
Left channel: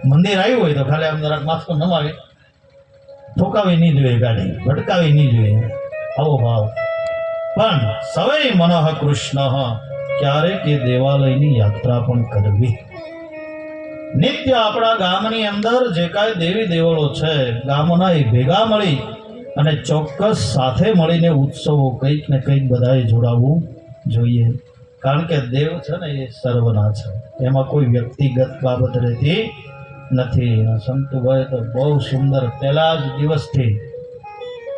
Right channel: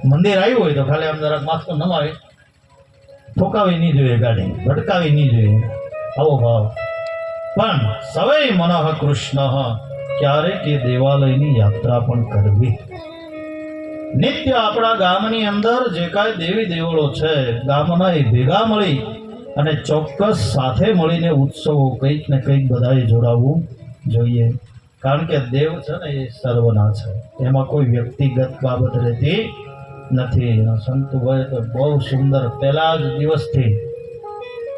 મંદિર આવ્યું હોય તો ખાલી આમ જરાક માસ્કો નમાવે, ઠોકાવી નહીં જોઈએ ગાડી, ભટકાવી નહીં જોઈએ, આવો ભાવ. પણ સવૈ મનઃ કૃષ્ણ, ક્યારેક એ દેવાલયની યાત્રા પણ કરવી. નિત્ય આપણા ગામની અંદર જે કાંઈ દેવી દેવળો છે, ગામના એ ભેગા મળી અને ચોક્કસ સાથે મળીને ઉત્સવો કંઈક ને કંઈક બધાએ જોડાવવું જોઈએ. કારણ કે દેવ છે ને એ સર્વના છે, એમાં કોઈ વ્યક્તિગત બાબત રહેતી નથી. સંતુભાઈ તો બહુ સુંદર પહેલા જ દિવસથી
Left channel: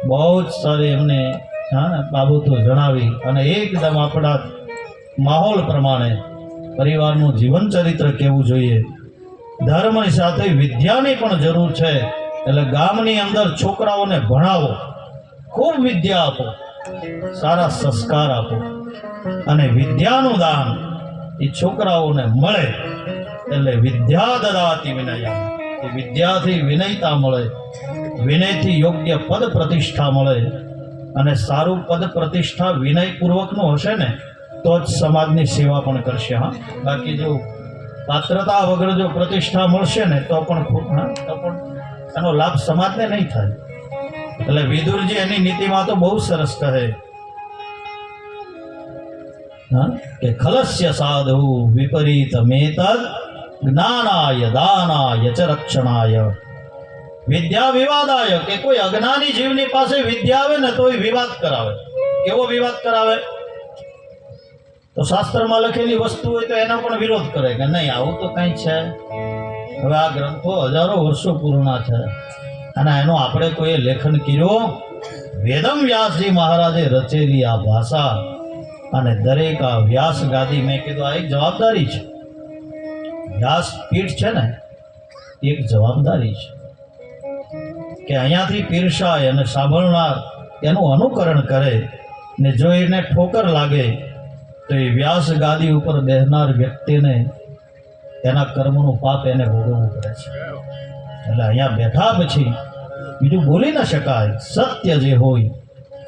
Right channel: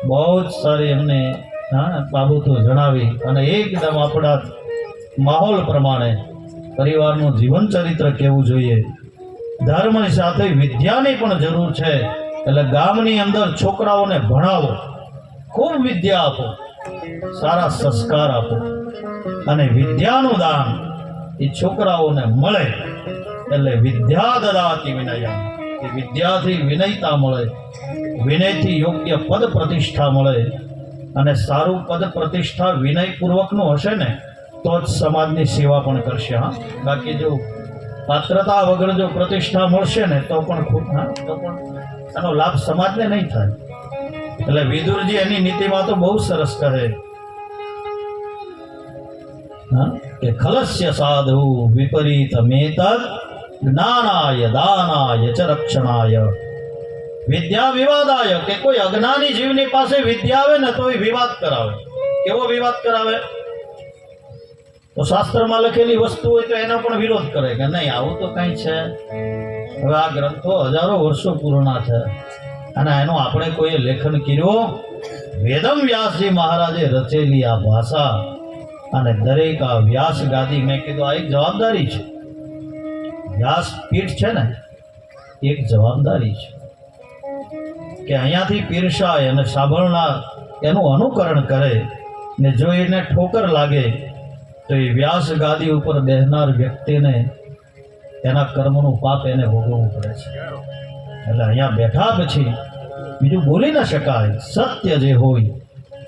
બહુ જ સારી એમને બાબતો જણાવી અને એકદમ આપણા માહોલ પ્રમાણે પરિવારનું જીવન ચરિત્ર કેવું જોઈએ. ધર્મની સાથે વિદ્યાની પણ જરૂર છે, એટલે ગામની અંદર છોકરાઓને ભણાવો, ખૂબ વિદ્યા આપો, સારા સંસ્કાર આપો. અને વિદ્યાનું દાન એ છોકરાઓને મળે, એટલે વિદ્યા દદાતિ વિનય, એ વિદ્યાથી વિનયતા મળે, વિનયથી યોગ્ય પદ પ્રતિષ્ઠા મળે. અને સારું પદ પ્રતિષ્ઠા વિનયપૂર્વકનું હશે ને તો જ સમાજની સેવા પણ કરશે. બાકી જો પાત્રતા વગર જો પ્રતિષ્ઠા મળશે ને તો પણ એનો લાભ સમાજને નહીં થાય. એટલે વિદુરજી એની નીતિમાં તો બહુ સરસ કહે કે ખલસ્ય સાધુ વિપરીત મેતદ જ્ઞાનાય દાનાય ચ રક્ષણાય વિદ્યા વિવાદાય, કે કોઈ અજ્ઞાની જીવની પાસે વિદ્યા આવે ને તો એ વિવાદ કરાવે. કેવો વિવાદ કરાવે? તો શાસ્ત્રમાં લખેલી વસ્તુ હોય તો એનો પણ વિરોધ કરે કે નહીં, આવું તો કંઈ છે. હવે આ ગ્રંથો હજારો વર્ષો પૂર્ણ છે અને એનું આપણે કોઈએ લેખન કર્યું. વેદમ વ્યાસજી મહારાજે રચેલી આ ભાષા અને દરેક આ વ્યાસ ગાદી, મેં કીધું આ એક જવાબદારી છે. વ્યાસ પીઠ છે ને એક જવાબદારી છે કે અહીંયાથી પીરસાય અને સાંભળનાર એનું અનુકરણ કરે ને જો એને ઠોકર લાગે તો એ વ્યાસ ગાદી ઉપર બેહનાર વ્યક્તિને એના કર્મનું પાપ એને ભોગવવું પડે છે. એટલે અહીંયા બેઠા પછી બીજું બોલી ન શકાય. સત્ય જે હોય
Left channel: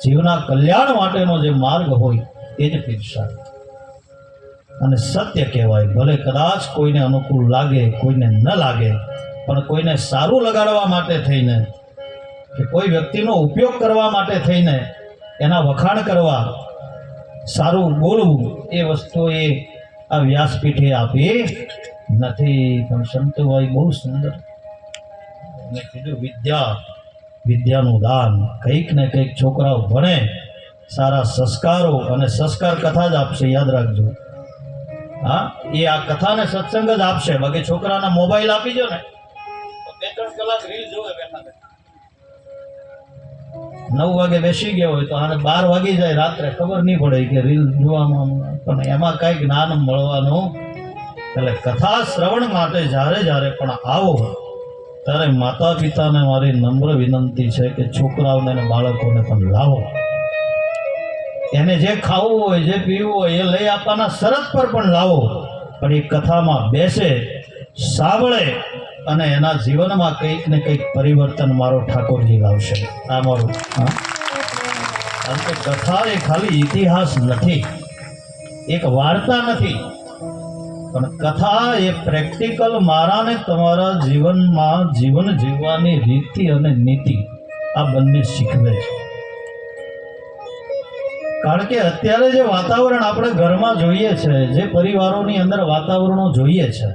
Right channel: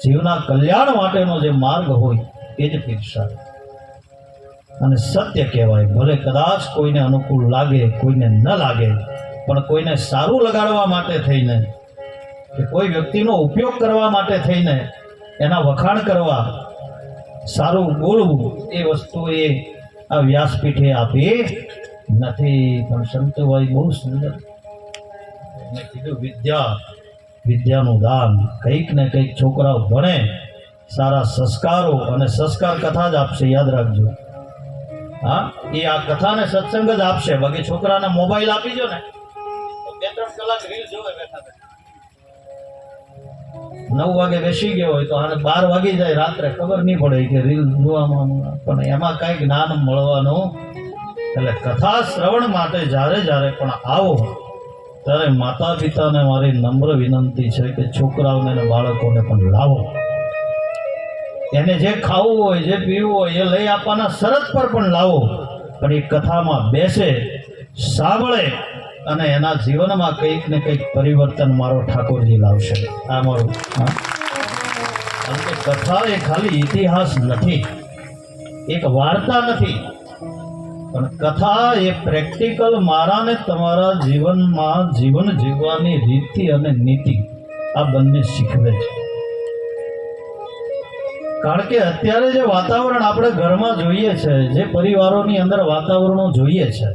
જીવના કલ્યાણ માટેનો જે માર્ગ હોય એ જ પીરસાય. અને સત્ય કહેવાય. ભલે કદાચ કોઈને અનુકૂળ લાગે, કોઈને ન લાગે, પણ કોઈને સારું લગાડવા માટે થઈને કે કોઈ વ્યક્તિનો ઉપયોગ કરવા માટે થઈને એના વખાણ કરવા, સારું બોલવું, એ વસ્તુ એ આ વ્યાસપીઠે આપી નથી. પણ સંતોભાઈ બહુ સુંદર મેં કીધું, વિદ્યાનું દાન. કંઈક ને કંઈક છોકરાઓ ભણે, સારા સંસ્કારો અને સંસ્કાર કથા જ આપશે, યાદ રાખજો. હા, એ આ કથાને સત્સંગ જ આપશે. બાકી છોકરાને મોબાઈલ આપી દો ને તો 2-3 કલાક રીલ જોવે બેઠા બેઠા. 9 વાગે બેસી ગયો હોય તો આને 12 વાગી જાય રાત્રે, ખબર નહીં પડે કે રીલ જોવામાં. પણ એમાં કઈ જ્ઞાન મળવાનું. એટલે કથા શ્રવણ માટે જ્યારે પણ આવો ત્યારે માતા પિતાને મારી નમ્ર વિનંતી છે કે છોકરાઓને અને બાળકોને પણ લાવો. એને જે ખાવું હોય, જે પીવું હોય એ લઈ આપવાના શરત પર પણ લાવો. પણ એ કથામાં બેસે, સાંભળે અને એના જીવનમાં કંઈક ને કંઈક પરિવર્તન મારો ઠાકોરજી લાવશે. આ મારું. કથા એ ખાલી ઇતિહાસ નથી, એક વાર્તા નથી, પણ કથા એ પ્રેક્ટિકલ મારા ને તમારા જીવનમાં જીવન જીવવાની રીતિ અને નીતિ આ બંને શીખવે છે. કારણ કે અત્યારે જે વાતાવરણ આપણે ઘરમાં જોઈએ છે, જે પરિવારોની અંદર વાતાવરણો જોઈએ છે,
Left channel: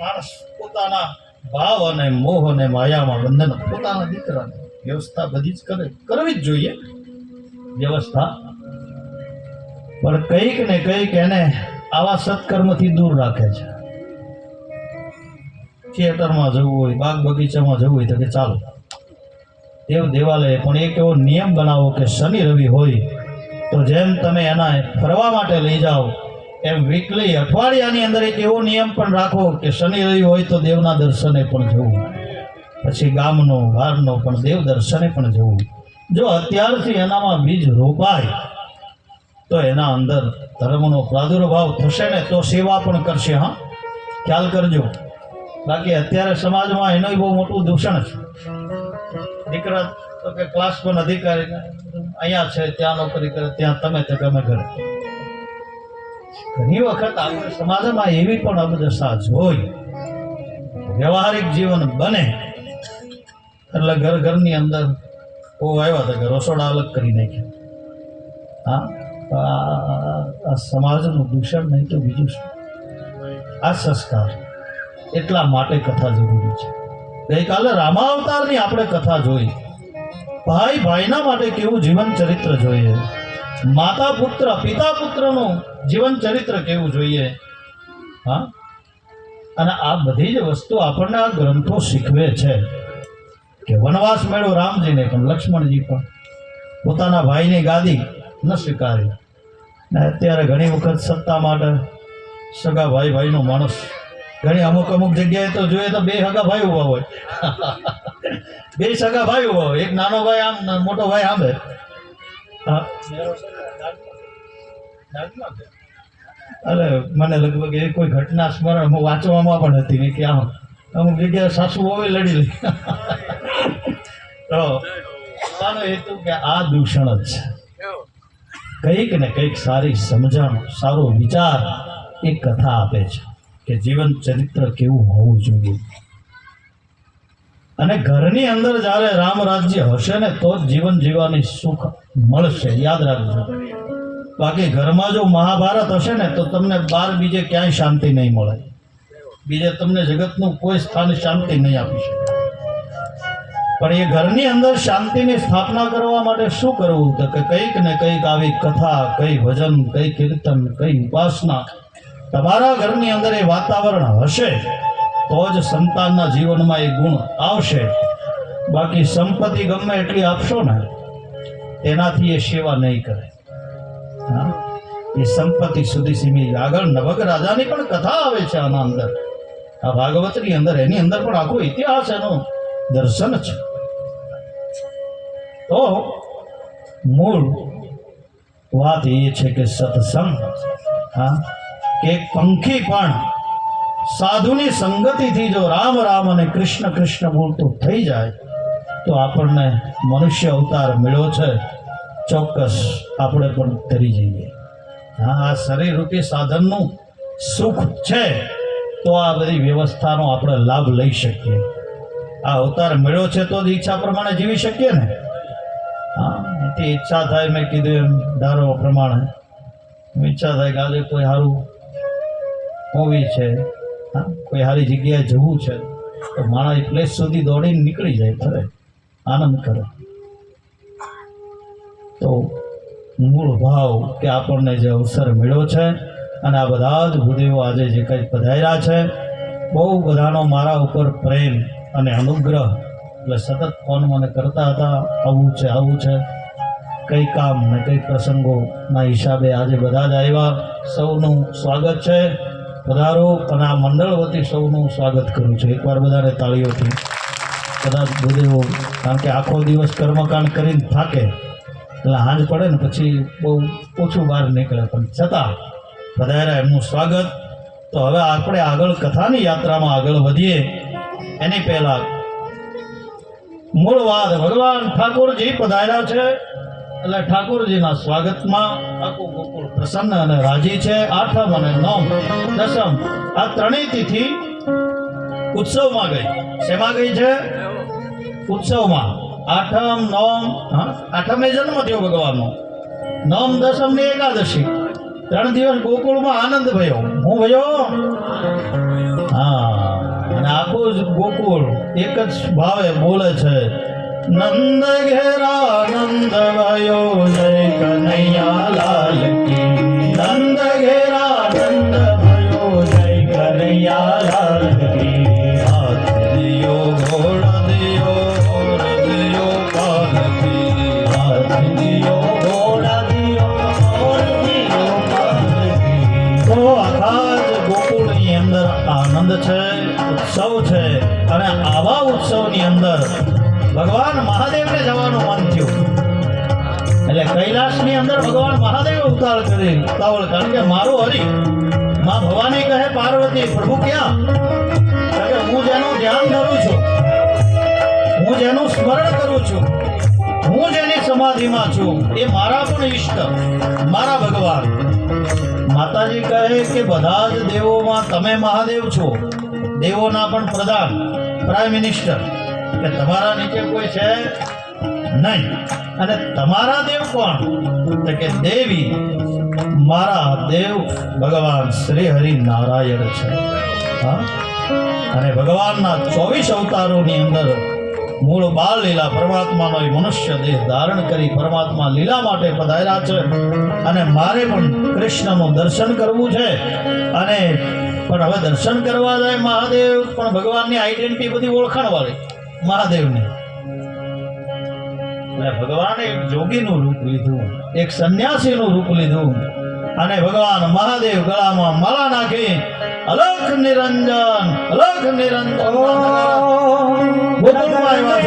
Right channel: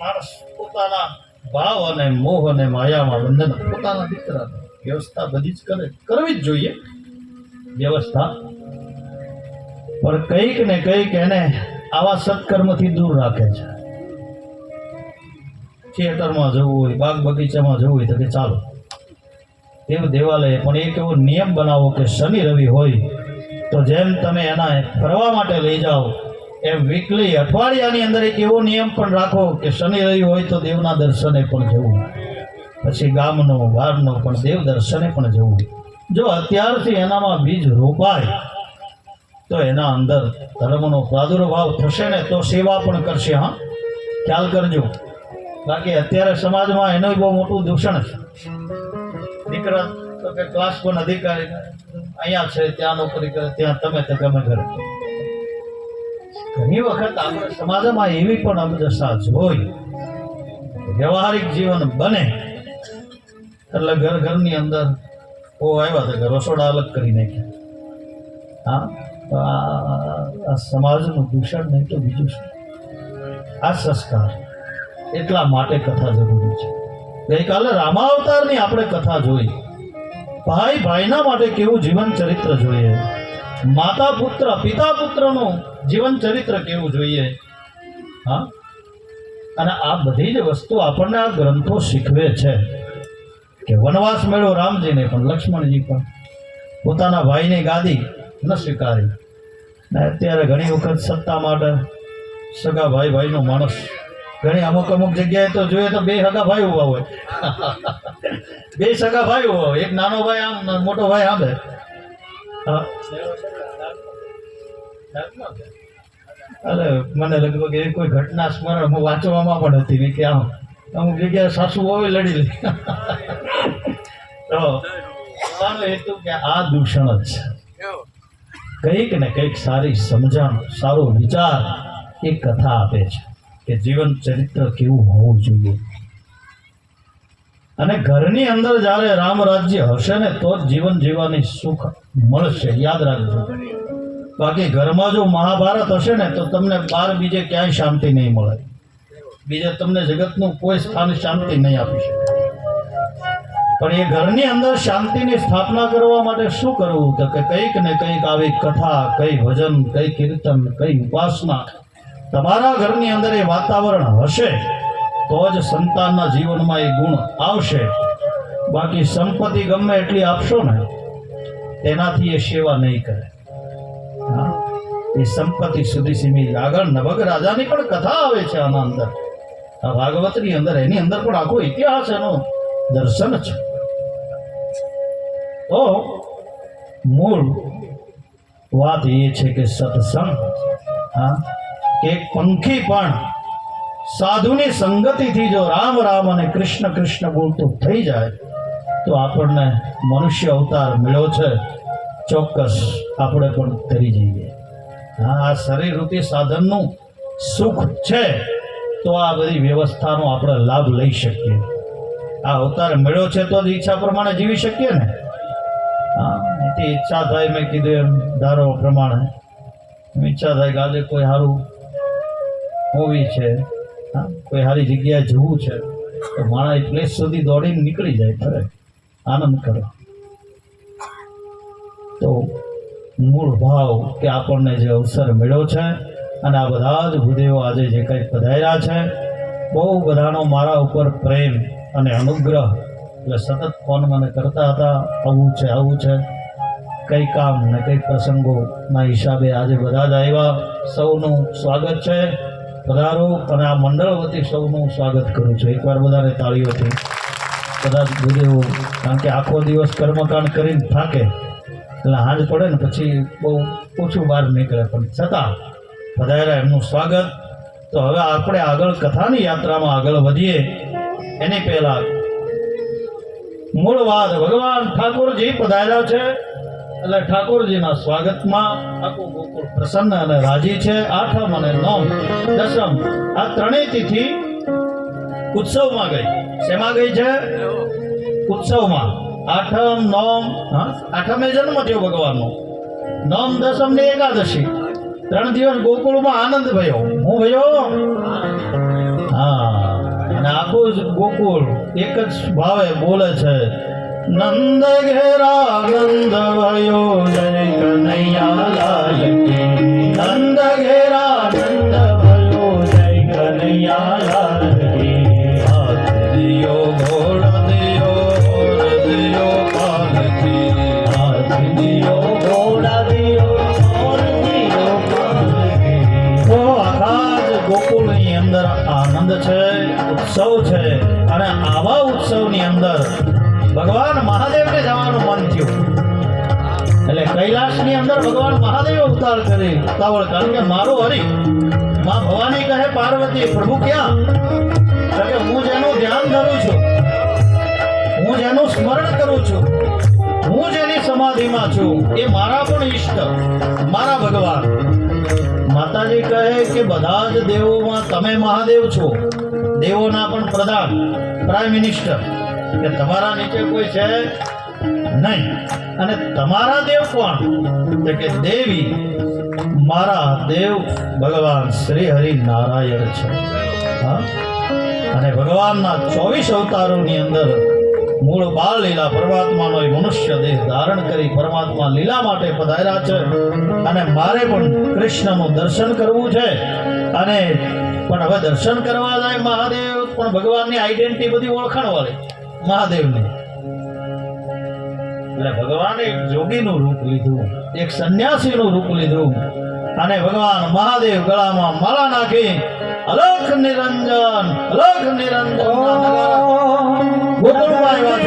માણસ પોતાના ભાવ અને મોહ અને માયામાં બંધન પોતાના દીકરાની વ્યવસ્થા બધી જ કરવી જ જોઈએ વ્યવસ્થા. પણ કંઈક ને કંઈક એને આવા સત્કર્મથી દૂર રાખે છે. થિયેટરમાં જવું હોય, બાગ બગીચામાં જવું હોય તો કે ચાલો દેવ દેવાલય, પણ એક એવો નિયમ બનાવો કે શનિ રવિ હોય તો જેમ તમે એના ફરવા માટે લઈ જાઓ એમ વીકલી અઠવાડિયાની અંદર એક એવો નિયમ પણ રાખો કે શનિ રવિ હોય તો દેવના દર્શને પણ જવું, પછી ગામનો બહારનો પણ દેવ દર્શને પણ જવું. જો અત્યારથી એનામાં બીજ રોપાય તો એના અંદર ધર્મનો પ્રાદુર્ભાવ થશે ને તો સેવા પણ કરશે. હા, ખ્યાલ કરજો. બાકી અત્યારે સમાજમાં એનું બહુ મોટું દૂષણ છે. દીકરા તો કે ક્લાસ પણ અધિકારી અહીંયા છે, ત્યાં નોકરી કરે, ત્યાં તમે તે ગમે કરે. ઘણી વખત આપણે સમાજમાં એવી પણ અબદશા જોઈ. વ્યવહારિક જીવન બને એટલે ઘરની અંદર આવ્યા હતા કે રસોડા અલગ કરી નાખ્યા. હા, આ સમાજનું દૂષણ નહીં તો બીજું શું. આ સંસ્કાર એટલા માટે કથા જરૂરી છે. ગઈકાલે રામાવતારની આપણે કથા જોઈ. ભાઈ ભાઈના માટે કેવું જીવન ચરિત્ર જોઈએ, માતા પુત્ર પિતા પુત્રનું જીવન ચરિત્ર કેવું જોઈએ. હા, અને આ બધી જ વસ્તુ આપણને આ ગ્રંથો શીખવે છે. કે વનવાસ મેળ્યો રામજીને, પણ લક્ષ્મણજી પણ પોતાના ભાઈની ગાદી ન સ્વીકારી. ને અત્યારે ઘણી વખત સત્તા માટે સગા ભાઈનો માણસ, ઘણી અમુક જગ્યાએ તો જોઈએ તો 2 સગા ભાઈ ઉભા હોય. 2 સગા ભાઈ ઉભા હોય, એક નાનો ભાઈ આમ, મોટો ભાઈ આમ. અરે મને લગભગ એવી કોઈ ઘટના સ્મરણ વાંચવામાં પણ હતી કે આમ અમુક જગ્યાએ સાસુ હોય લડી લે. તો હેતુ કે આ દૂષણ જ છે. કંઈક ને કંઈક સારી સમજણ, સારો વિચાર એ કથા આપે છે કે જીવન ચરિત્ર કેવું હોવું જોઈએ. અને ઘરની અંદર જ્યારે રામ રાજ્ય હશે ને તો જ જીવન જીવવાની સુખ મળશે, યાદ રાખજો. બાકી ઘરમાં જો મહાભારત હશે ને તો તમને બહાર બીજે ક્યાંય શાંતિ નહીં મળે. બીજે તમને જગતનું કોઈ સ્થાન શાંતિ નહીં આપી શકે. પણ એ ઘરની અંદર શાંતિની સ્થાપના કરવા માટે શું કરવું? તો કે કંઈક ને કંઈક આવી કથા, કઈ ભજન, કઈ કીર્તન, કઈ ઉપાસના તમારા ઘરની અંદર એ વાતાવરણ હશે તો જ સંતાનના જીવનમાં એ ગુણ આવશે. બાકી સંપત્તિ ગમે એટલી આપશો ને તેનાથી એ સેવા નહીં કરે. હા, એ સંપત્તિ સુધી સીમિત. આગળ નવગ રાજાની પણ કથા આવે છે આમાં અંદર, આ ભાગવતની અંદર. એની અંદર પણ આખો ઇતિહાસ એનો દર્શન છે. તો મૂળ વાત એ છે કે સત્સંગ, હા, કે પંખી પણ સાધુની સંગતિથી જો રામ રામ અને કૃષ્ણ કૃષ્ણ બોલતો થઈ જાય તો આપણને મનુષ્ય અવતાર મળ્યો છે, ચોક્કસ આપણે પણ કરી જઈએ. હા, આ શરીર રૂપી સાધનનું સુખ છે તો આ બધી વ્યવસ્થાનો આપણે લાભ લઈ શકીએ. આ અવતાર મળ્યો છે તો જ ઈચ્છા પ્રમાણે જીવી શકીએ ને. હા, એથી ઈચ્છા થાય, મેં કીધું એમ ધારો પ્રમાણે ઈચ્છા થાય કે આજે કોઈ સારું મૂવી છે, હા, કોઈ સારી જગ્યાએ જવું છે, તો માણસ એ પ્લેસ સુધી દોડીને નીકળી જાય, ફરે આનંદ કરે. તો મૂળ ભાવ કે આપણને જે અવસર મળ્યો છે અને આ બધા જ ભૂદેવો આજે જે કંઈ પધાર્યા છે, બહુ બધાનો મારા ઉપર પ્રેમ અને અનુગ્રહ, એટલે સતત ફોન મને કરતા હતા, આવું છે, કઈ કામ ને કઈ પ્રસંગોના હિસાબે આજે બધા જ આવ્યા. સૌનું સ્વાગત છે, પધારો. અને આ મંડળ વતી સૌનું સ્વાગત કરું છું. એકવાર બધાને તાળીઓથી. બધા જ ભૂદેવો, કારણ કે આખો દિવસ કર્મકાંડ કરીને થાકે એટલે હાંજ પડે ને પછી બહુ ઓછું બહાર નીકળે, પણ છતાં પધાર્યા, એમનું સ્વાગત. તો હવે આપણે આગળ કથાની યાત્રામાં આગળ વધીએ એની પહેલા મૂળ વાત, ભગવાન ઠાકોરજી પધાર્યા છે એટલે ઠાકોરજીના સ્વાગતમાં આખું ગોકુળ પ્રસન્ન અને રાજી છે. 8મ અને 9મ 10મ આ ત્રણેય તિથિ ઉત્સવમાં ગઈ. શેમાં ગઈ છે? ઉત્સવમાં. 8મ 9મ, 8મ એ જન્મ થયો ભગવાનનો, 9મ 10મ ની એકાદશી, 3 દિવસ ગોકુળમાં આનંદ ભયો. હું ભયો? હા, અને આખું જ ગોકુળ એક જ ભાવે બોલે છે, નંદ ઘેરા નંદ ભયો, જય કનૈયા લાલ કી. નંદ ઘેરા નંદ ભયો, જય કનૈયા લાલ કી. હાથ દિયો ઘોડા દિયો, ઘોડા દિયો પાલકી. હાથ દિયો ઘોડા દિયો, ઘોડા દિયો પાલકી. તો આખા જ ગોકુળની અંદર આનંદ છે, ઉત્સવ છે. અને આવા ઉત્સવની અંદર ભગવાન મહાદેવને જવાનું મન થયું. એટલે કૈલાસની અંદર ભગવાન મહાદેવ અવતાર કરે ઉતાવળ, કારણ કે મારો હરી માં ભવાની કહે પાર્વતી, પ્રભુ ક્યાં? કે હું જેનું ધ્યાન ધરું છું, હું જેનું સ્મરણ કરું છું, હું જેની સમાધિમાં છું, એ મારા પણ ઈષ્ટ, મારા ભગવાન. માતાજી કહે કે બધા જ દેવોમાં તમે મહાદેવ છો, દેવોના પણ પ્રધાન, પ્રાઇમ મિનિસ્ટર, કે તમારા નીચે કોઈ છે નહીં. અને તમારા દેવ કોણ? તો કે દેવી. મારા દેવ ભગવાન શ્રી હરિ નારાયણ છે. હા, અને ભગવાનના 24 અવતારોની અંદર મૂળ બાળ લીલા પરમાત્માનો એ મનુષ્ય દેહ ધારણ કરી પરમાત્મા લીલા માટે પધાર્યા છે. અને મારે પણ કૃષ્ણનું દર્શન કરવું છે. અને પણ હવે દર્શન કરવા જાય મહાદેવ, પણ ભગવાનની આઈડેન્ટિટી બધી ઓળખાણ વાળી મહાદેવની. એટલે ભગવાને એક જોગીનું રૂપ લીધું, એક સંન્યાસીનું રૂપ લીધું. અને ભગવાન મહાદેવ ગળામાં માળા નાખી અલખ નિરંજન, અલખ નિરંજન ગોકુળમાં આવ્યા